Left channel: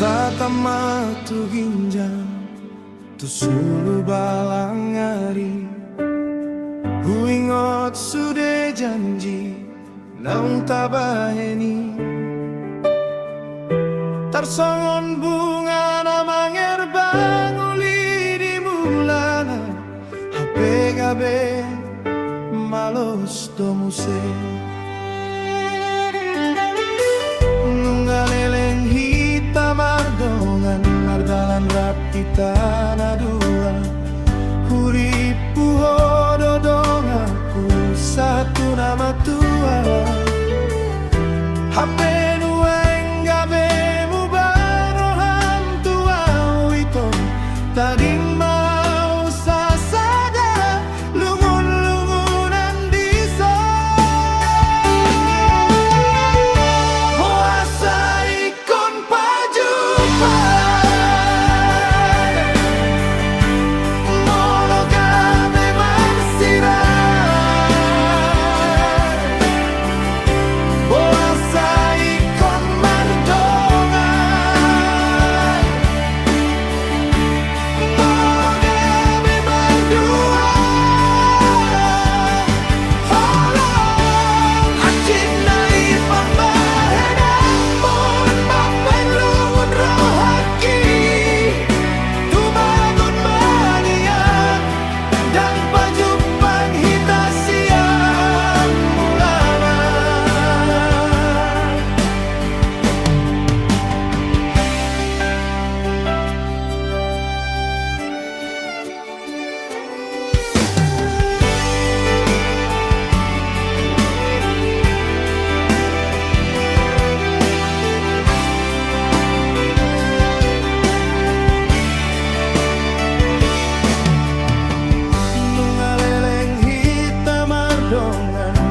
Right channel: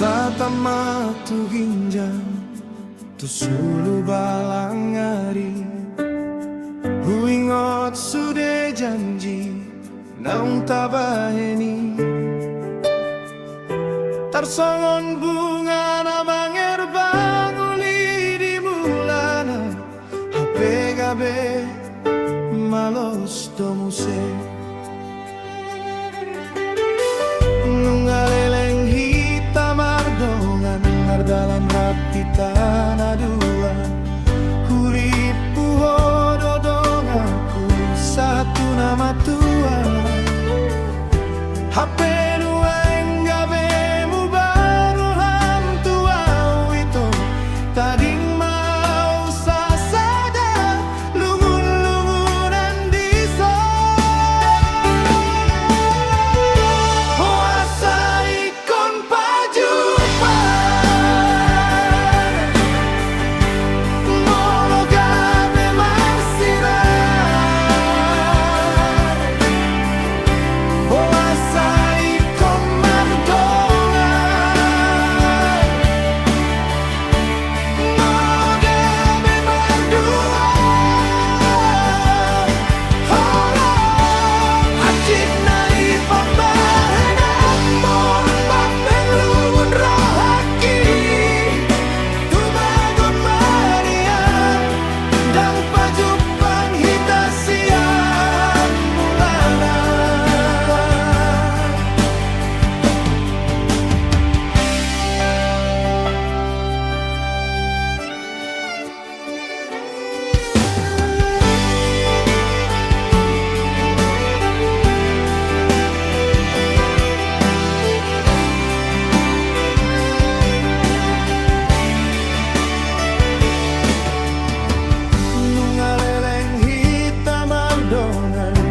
Tatama tu ginjang tu sulu balangari huingot sude janji naung tabaheni tarsongon bunga namang erbang uli di mulana hape gabe malos domuse nungaleleng mardongan nardalan rapi tanah dua huripu hododong aku satu nama tua hape nueng gabe mu baru ham tua wito tading mau sasada lungun-lungunan diso puasa ikon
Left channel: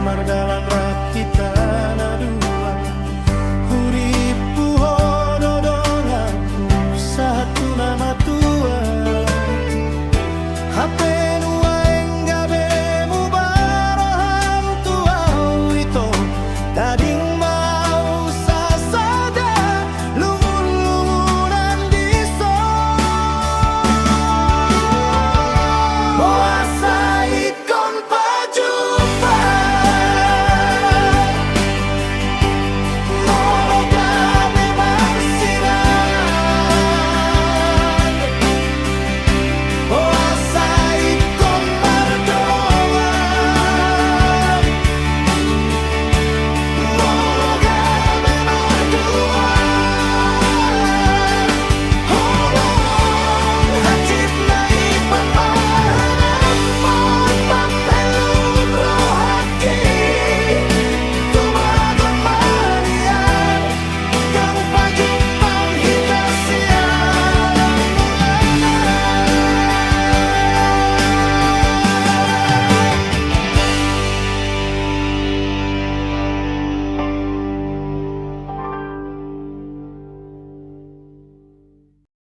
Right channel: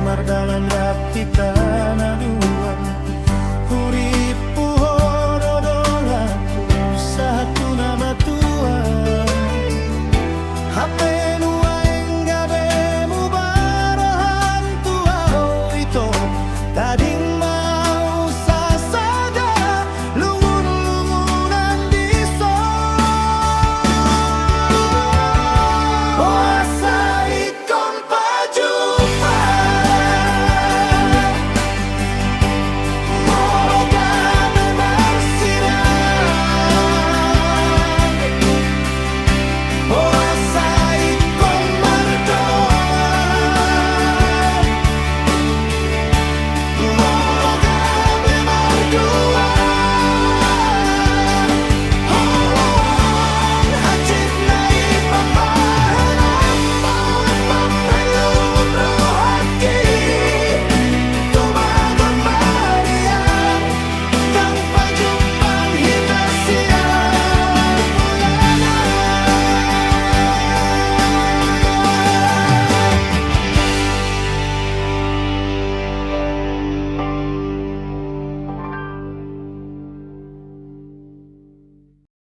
mardalan rapi tanah dua huripu hododong aku satu nama tua hape